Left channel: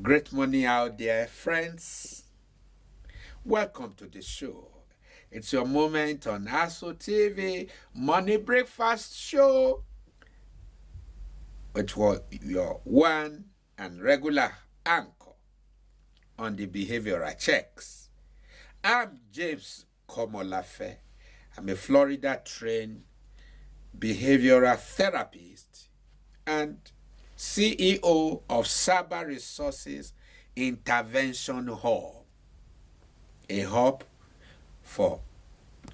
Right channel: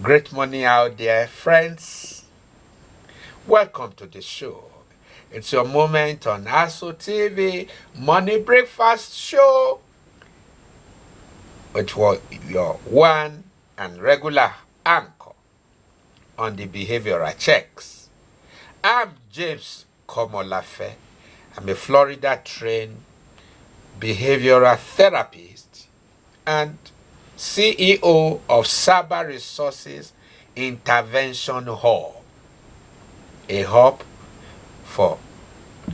Great morning out there, friends. Welcome to the show. It's your moment on ASO TV Money Breakfast Show, which was your one and regular anchor on the behavioral checks. I'm James Komolafe. I'm a Florida trained behavioral therapist and CEO of Saba Resources Intervention Hub, a hub for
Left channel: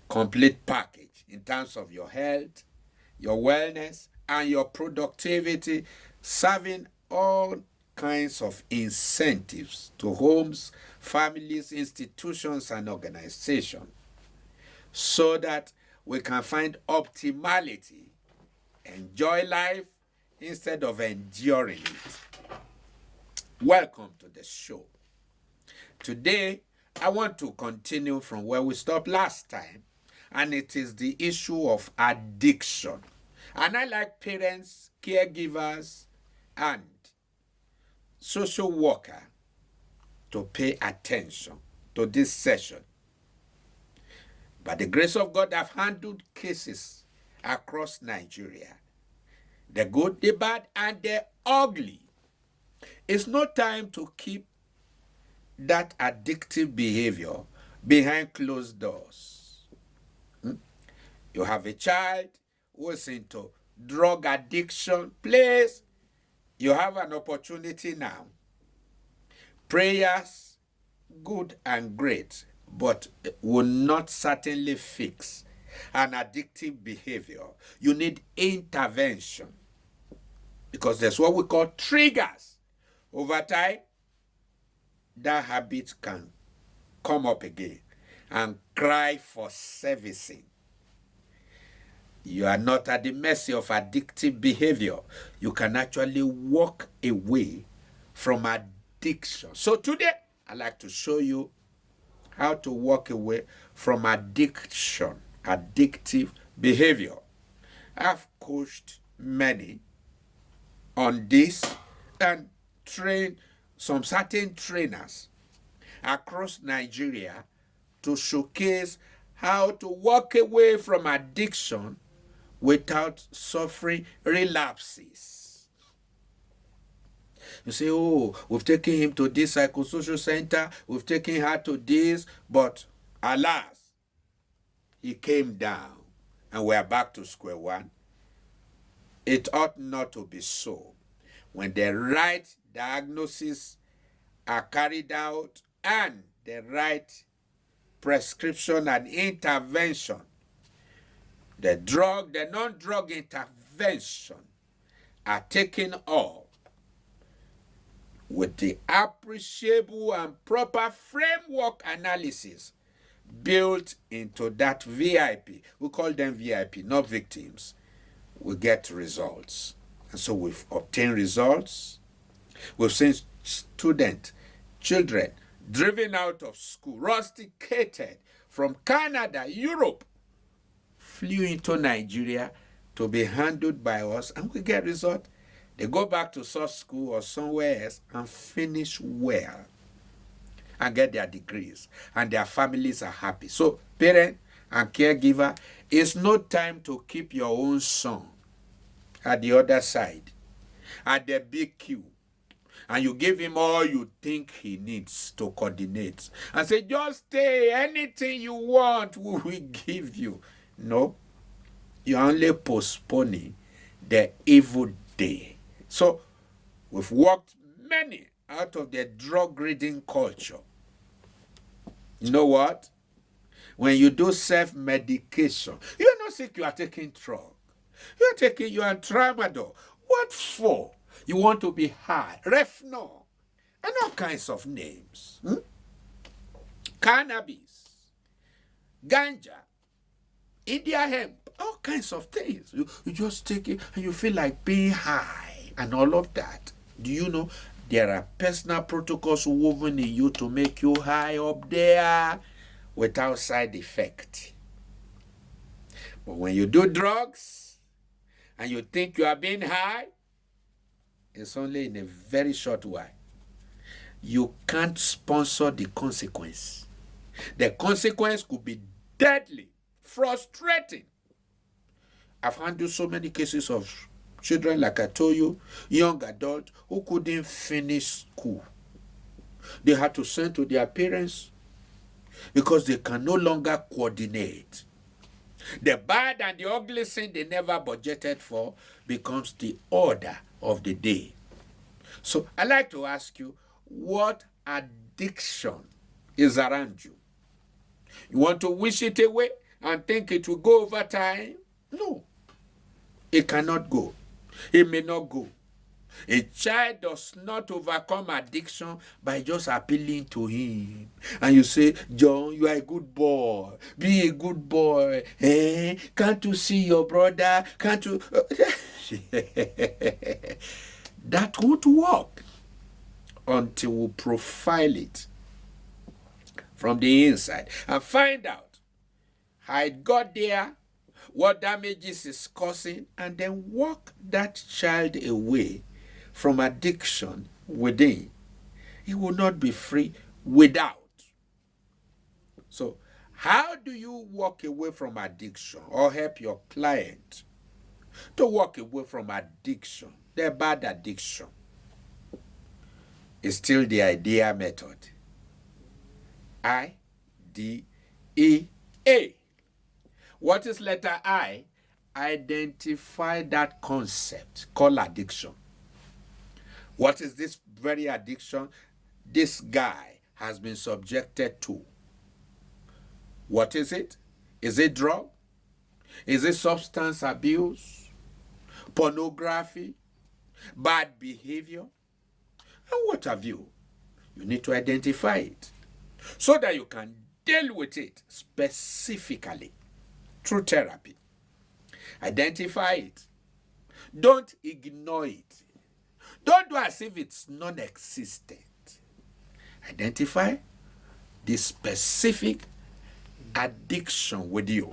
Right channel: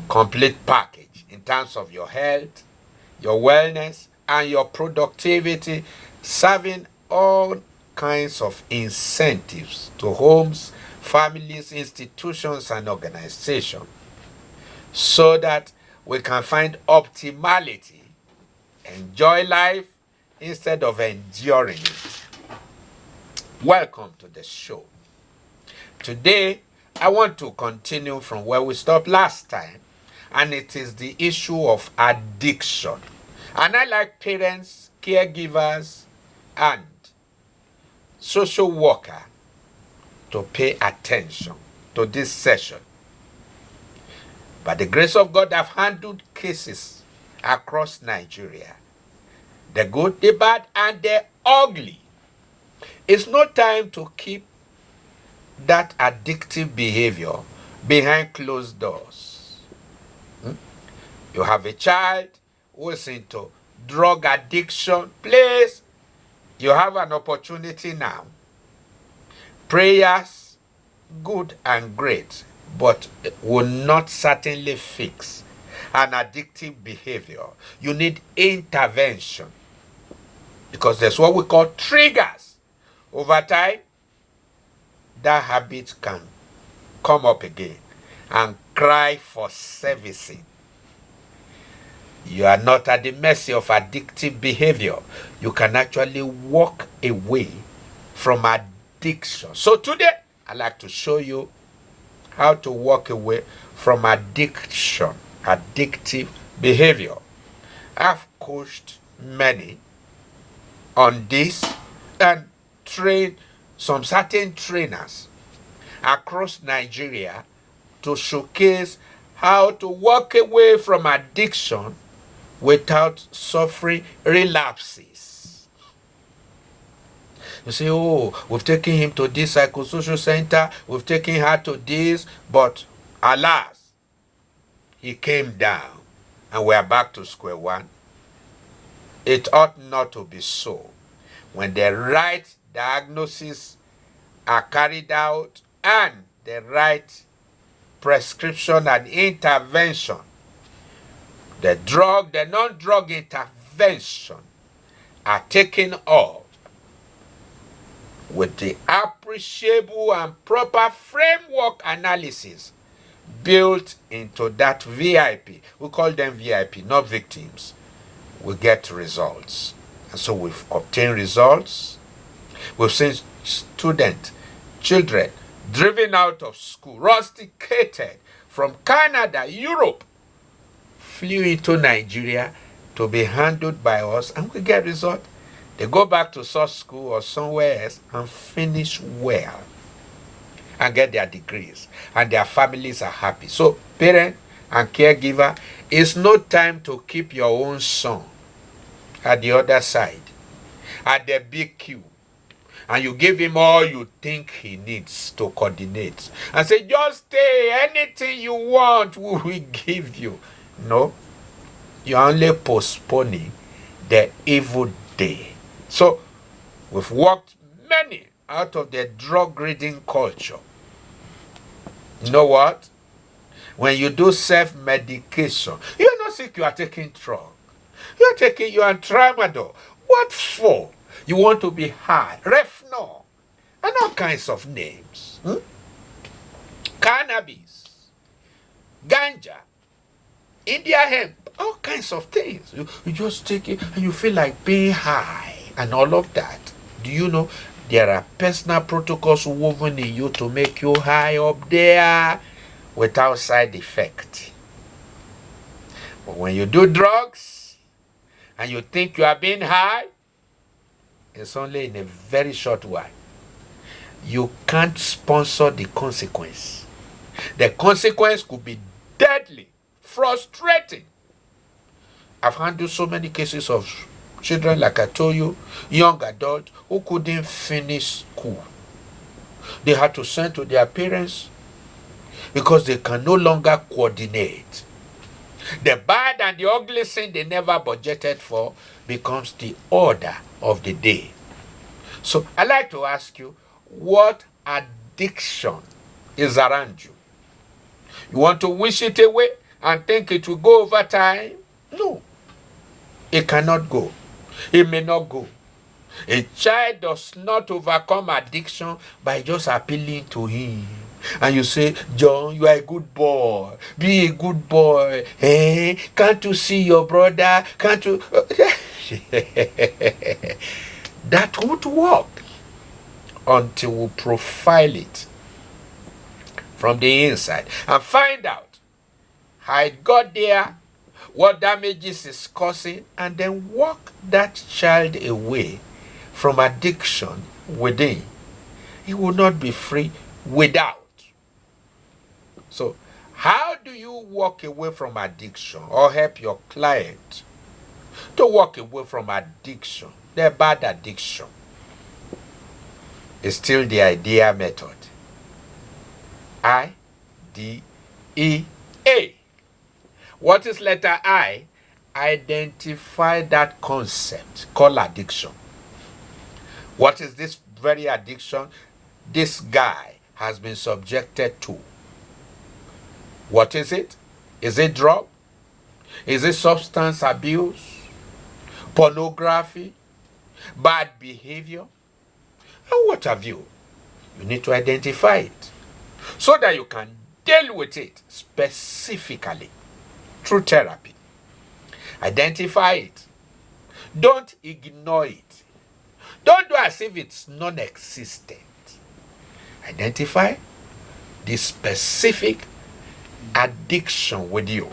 complete package in terms of your health, your wellness, and your productivity, serving all kinds of incentives to homes, families, institutions, and organizations so that we can find optimality, enjoy life instead of enduring it. Welcome to the show. Today, I want to continue from where we stopped last time, and it is the issue of addiction. And I like parents, caregivers, and social worker to pay attention to this session. By the grace of God, I've handled cases across Nigeria. The good, the bad, and the ugly. It's no time to keep that addictive behavior behind closed doors. You have a child who is into drug addiction, please, you have an opportunity now. Prayers, good and great, but will not certainly fix an addictive behavior. You need intervention because there's what we call triggers. Over time, that habit can come up again and cry for servicing. You are not at the mercy of addictive behavior. You can actually walk away from addiction. So today, I'd like to show you how to walk away from addiction, addictive behavior. I've coached many on this and trained some certain trainers across Nigeria to showcase how to walk away from addiction without suffering relapses. You say, oh, we've taken him to this psychosocial center, we've taken her to this, but alas, he came down and we are back to square one. It ought not to be so. When the right diagnosis are carried out and the right prescription and intervention, the drug, the non-drug intervention are taken up with the appreciable and proper framework analysis built into that VIP. We call them VIP, not victims. We get results. And so we've obtained results. We've seen students, children, driven out of school, rusticated from Canada, Europe, flew into Nigeria to be handled by us, and we get results. They go back to such school or somewhere else and finish well and get their degrees, and their families are happy. So, parent and caregiver, it's no time to keep your own son at the other side, at the big queue, and you give him all you think he needs to coordinate and say, just stay, anything you want we will give you. No, you're only postponing the evil day. So we've walked many out of the drug-reading culture. You know what? When you do self-medication, you're not sick, you are taking drug. You're taking your tramadol. What for? You want to be high. Refnol. And all kinds of names. Cannabis. Ganja. India hemp. All kinds of things. You just take it and you feel like being high and all of that. Do you know there are personal protocols woven in you to make you high up there without side effect? But when you do drugs and you think you are being high, it's only in a very short while. you can't sponsor the consequence. The consequence could be deadly, frustrating. I've handled so many cases of children, like I told you, young adults who couldn't finish school. They had to send to their parents because they can no longer coordinate. The bad and the ugly thing they never budgeted for becomes the order of the day. So I'd like to ask you, what addiction is around you? You want to wish it away and think it will go over time? No. It cannot go. It may not go. A child does not overcome addiction by just appealing to him. And you say, John, you are a good boy. Be a good boy. Hey, can't you see your brother? Can't you? That would work until we profile it from the inside and find out how it got there, what damages it's causing, and then walk that child away from addiction within. He will not be free without. So, how do you walk away from addiction or help your client to walk away from addiction, their bad addiction? It's still the IDEA method. I-D-E-A. What is letter I? Identify that concept called addiction. What is this very addiction this guy has been subjected to? What is it? Is it drug? Is it substance abuse? Pornography? Bad behavior? And what have you? You need to identify it so that you can deal with it specifically through therapy. Identify it. Don't ignore it. Don't do as if it's non-existent. Identify the specific addiction with you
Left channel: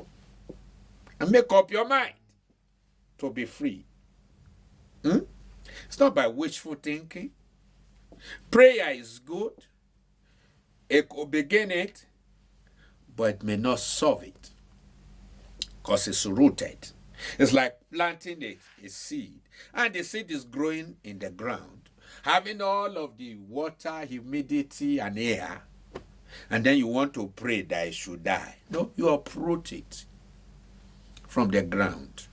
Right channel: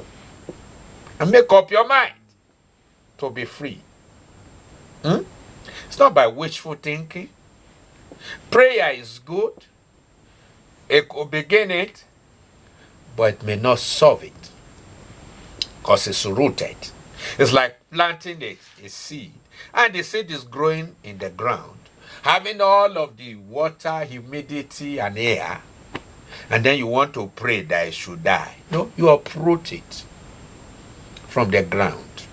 and make up your mind to be free. It's not by wishful thinking. Prayer is good. It could begin it, but it may not solve it because it's rooted. It's like planting a seed, and the seed is growing in the ground, having all of the water, humidity, and air, and then you want to pray that it should die. No, you uproot it from the ground,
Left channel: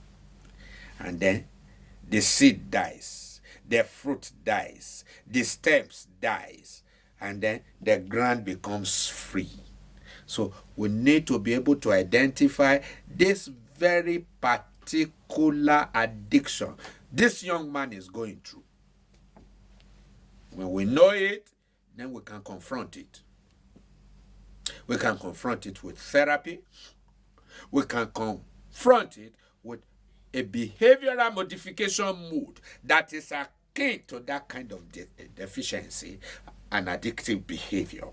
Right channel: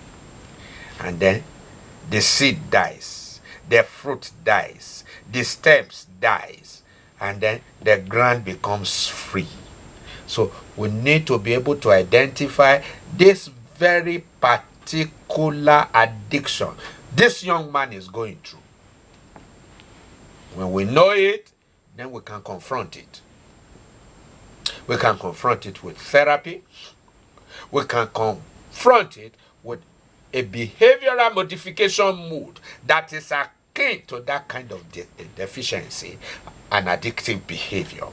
and then the seed dies, the fruit dies, the stems dies, and then the ground becomes free. So we need to be able to identify this very particular addiction this young man is going through. When we know it, then we can confront it. We can confront it with therapy. We can confront it with a behavioral modification mood that is akin to that kind of deficiency and addictive behavior.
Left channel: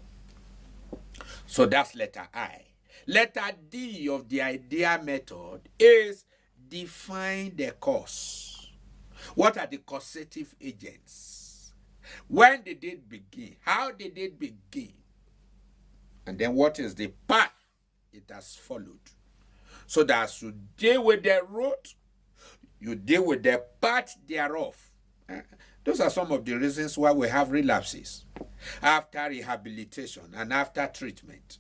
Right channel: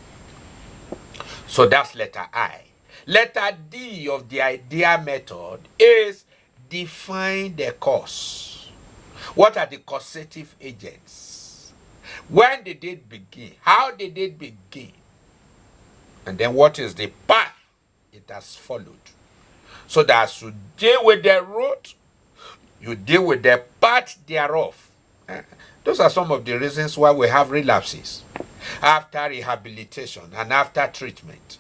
So that's letter I. Letter D of the IDEA method is define the cause. What are the causative agents? When did it begin? How did it begin? And then what is the path it has followed? So that as you deal with the root, you deal with the path thereof. Those are some of the reasons why we have relapses. After rehabilitation and after treatment,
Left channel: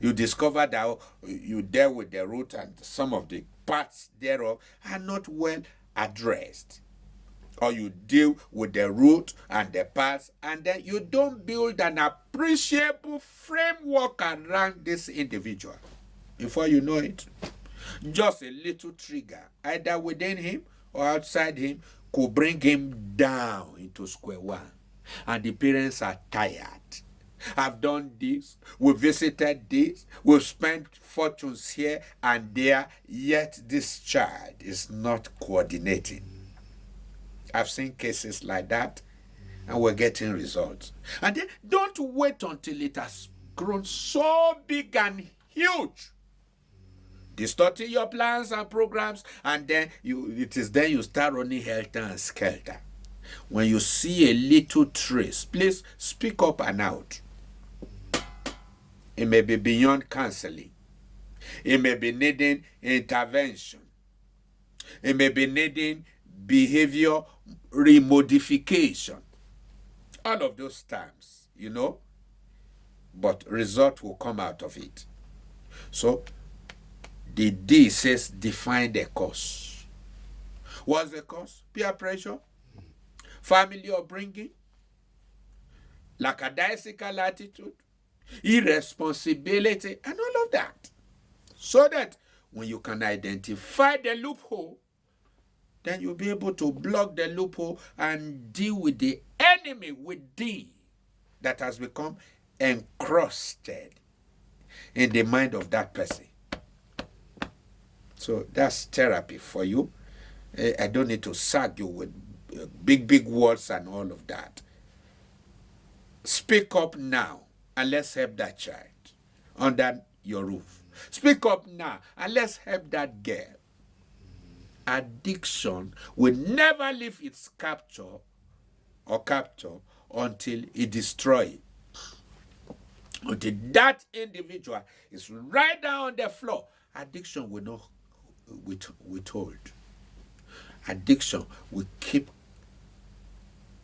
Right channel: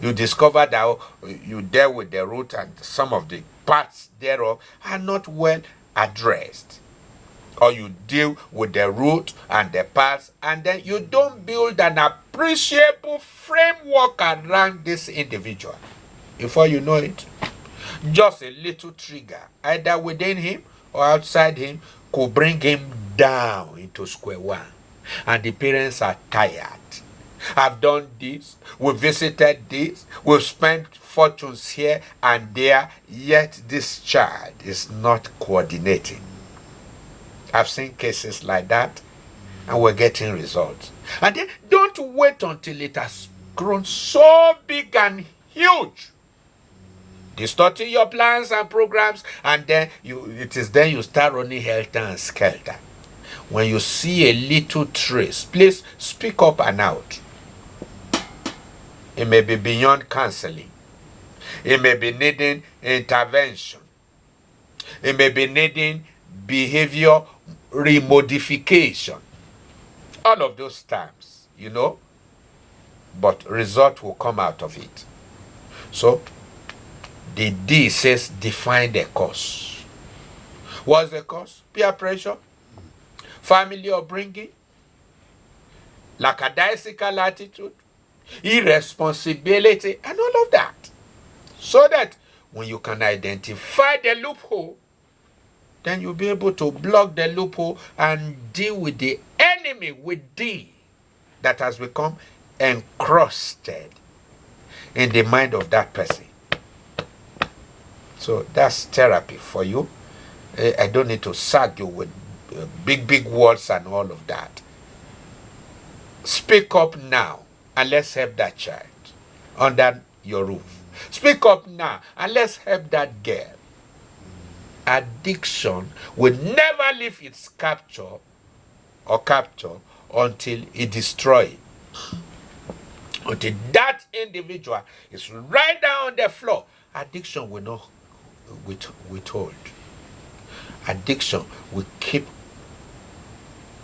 you discover that you deal with the root and some of the parts thereof are not well addressed. Or you deal with the root and the parts, and then you don't build an appreciable framework around this individual. Before you know it, just a little trigger, either within him or outside him, could bring him down into square one. And the parents are tired. I've done this, we visited this, we've spent fortunes here and there, yet this child is not coordinating. I've seen cases like that, and we're getting results. And then don't wait until it has grown so big and huge, distorting your plans and programs, and then you start running helter and skelter. When you see a little trace, please speak up and out. It may be beyond counseling. It may be needing intervention. It may be needing behavior remodification. All of those terms, but result will come out of it. So, the D says define the cause. What's the cause? Peer pressure, family upbringing, lackadaisical attitude, irresponsibility, and all of that. So that when you can identify the loophole, then you'll be able to block the loophole and deal with the enemy with D that has become encrusted in the mind of that person. So that's therapy for you. I don't need to sag you with big words and all of that. Speak up now and let's help that child under your roof. Speak up now and let's help that girl. Addiction will never leave its capture until it destroys it. Until that individual is right down on the floor, addiction will not withhold. Addiction will keep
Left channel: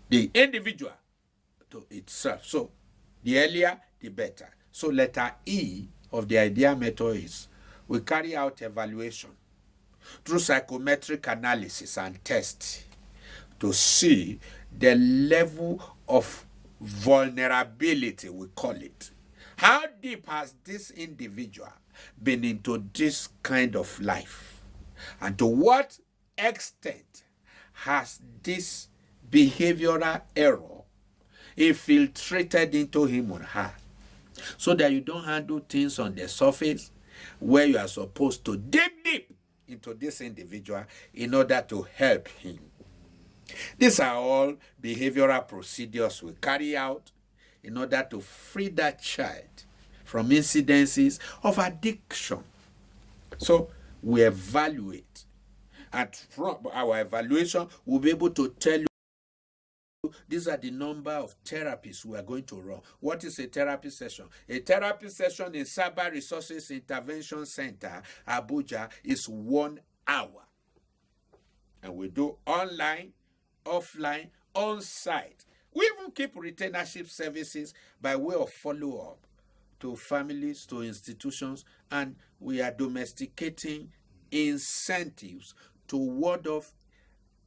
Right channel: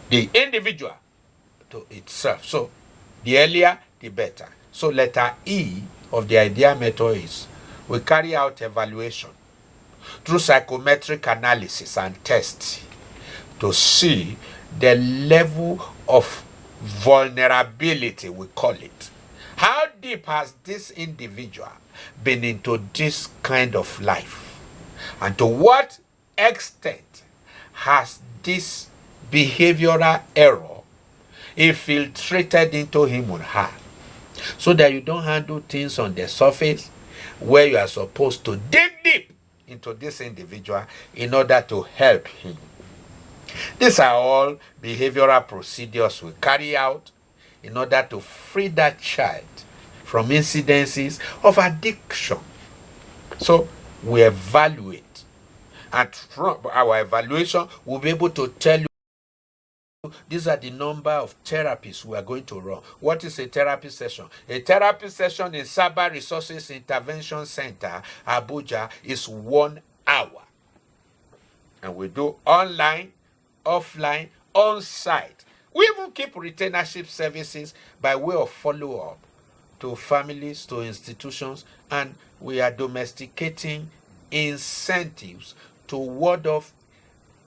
the individual to itself. So the earlier, the better. So letter E of the idea method is we carry out evaluation through psychometric analysis and tests to see the level of vulnerability, we call it. How deep has this individual been into this kind of life? And to what extent has this behavioral error infiltrated into him or her? So that you don't handle things on the surface where you are supposed to dig deep into this individual in order to help him. These are all behavioral procedures we carry out in order to free that child from incidences of addiction. So we evaluate, and from our evaluation we'll be able to tell you these are the number of therapies we are going to run. What is a therapy session? A therapy session in Cyber Resources Intervention Center, Abuja, is 1 hour. And we do online, offline, on-site. We even keep retainership services by way of follow-up to families, to institutions, and we are domesticating incentives to ward off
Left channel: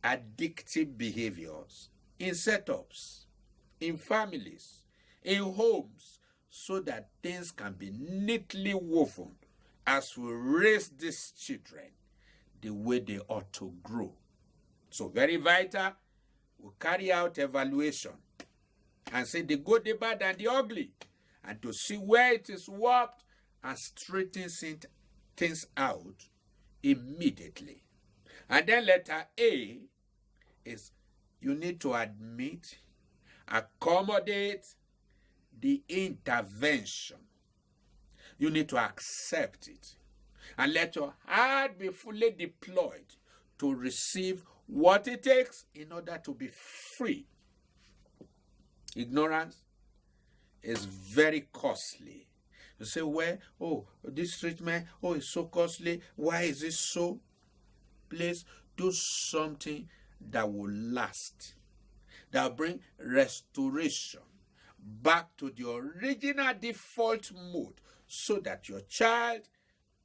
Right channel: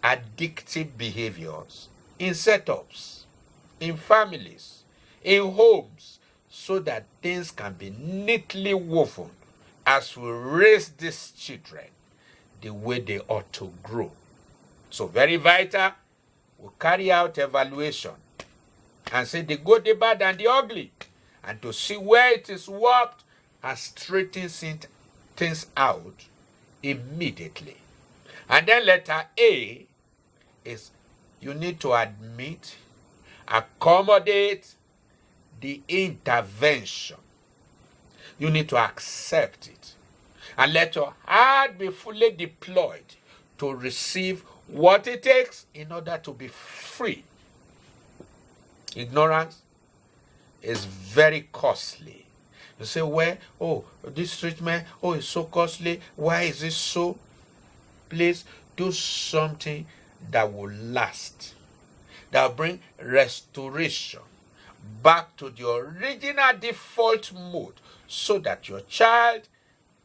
addictive behaviors in setups, in families, in homes, so that things can be neatly woven as we raise these children the way they ought to grow. So very vital, we carry out evaluation and see the good, the bad, and the ugly, and to see where it is warped and straighten things out immediately. And then letter A is you need to admit, accommodate the intervention. You need to accept it. And let your heart be fully deployed to receive what it takes in order to be free. Ignorance is very costly. You say, where? Oh, this treatment, oh, it's so costly. Why is it so? Please do something that will last, that will bring restoration back to the original default mode so that your child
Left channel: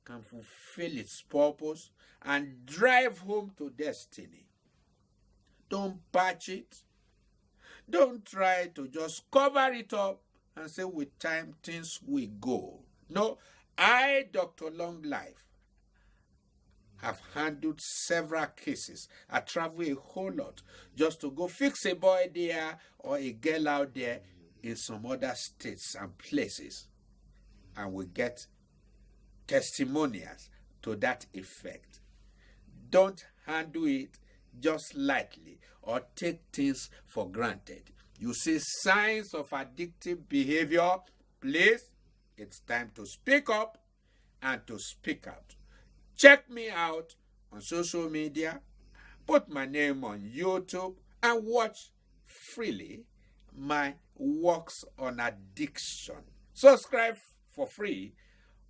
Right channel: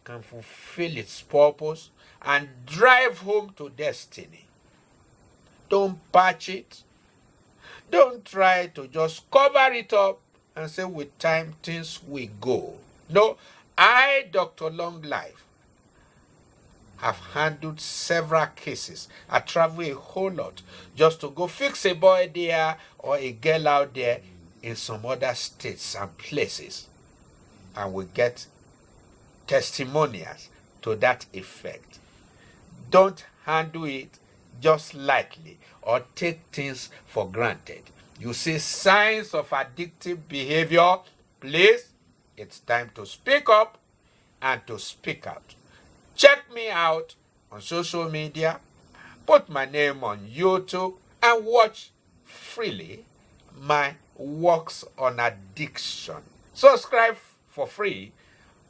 can fulfill its purpose and drive home to destiny. Don't patch it. Don't try to just cover it up and say with time things will go. No, I, Dr. Longlife, have handled several cases. I travel a whole lot just to go fix a boy there or a girl out there in some other states and places. And we get testimonials to that effect. Don't handle it just lightly or take things for granted. You see signs of addictive behavior, please, it's time to speak up and to speak out. Check me out on social media. Put my name on YouTube and watch freely my works on addiction. Subscribe for free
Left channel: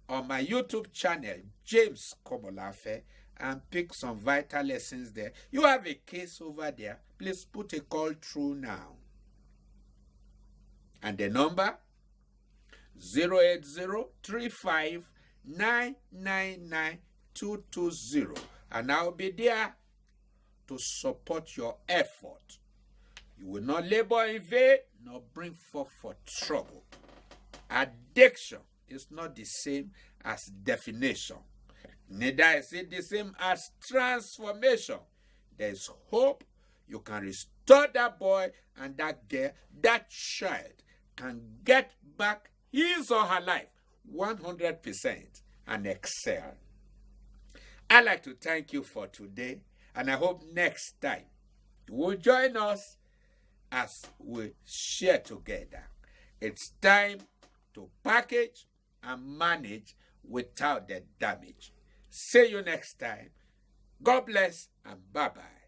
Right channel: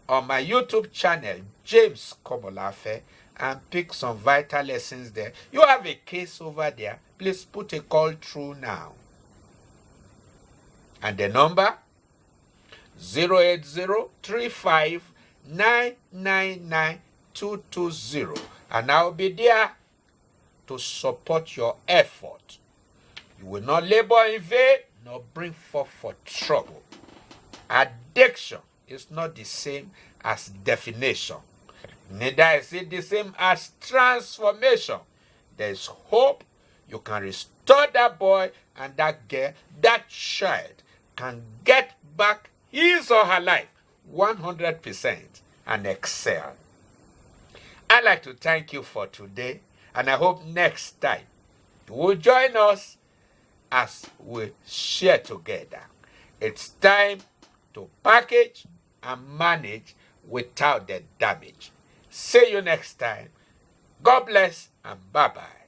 on my YouTube channel, James Komolafe, and pick some vital lessons there. You have a case over there, please put a call through now. And the number 08035999220, and I'll be there to support your effort. You will not labor in vain, nor bring forth for trouble. Addiction is not the same as definition. Neither is it the same as transformation. There is hope. You can restore that boy and that girl, that child can get back his or her life 100% and excel. I'd like to thank you for today, and I hope next time you will join us as we share together. It's time to package and manage without the damage. See you next time. God bless and bye-bye.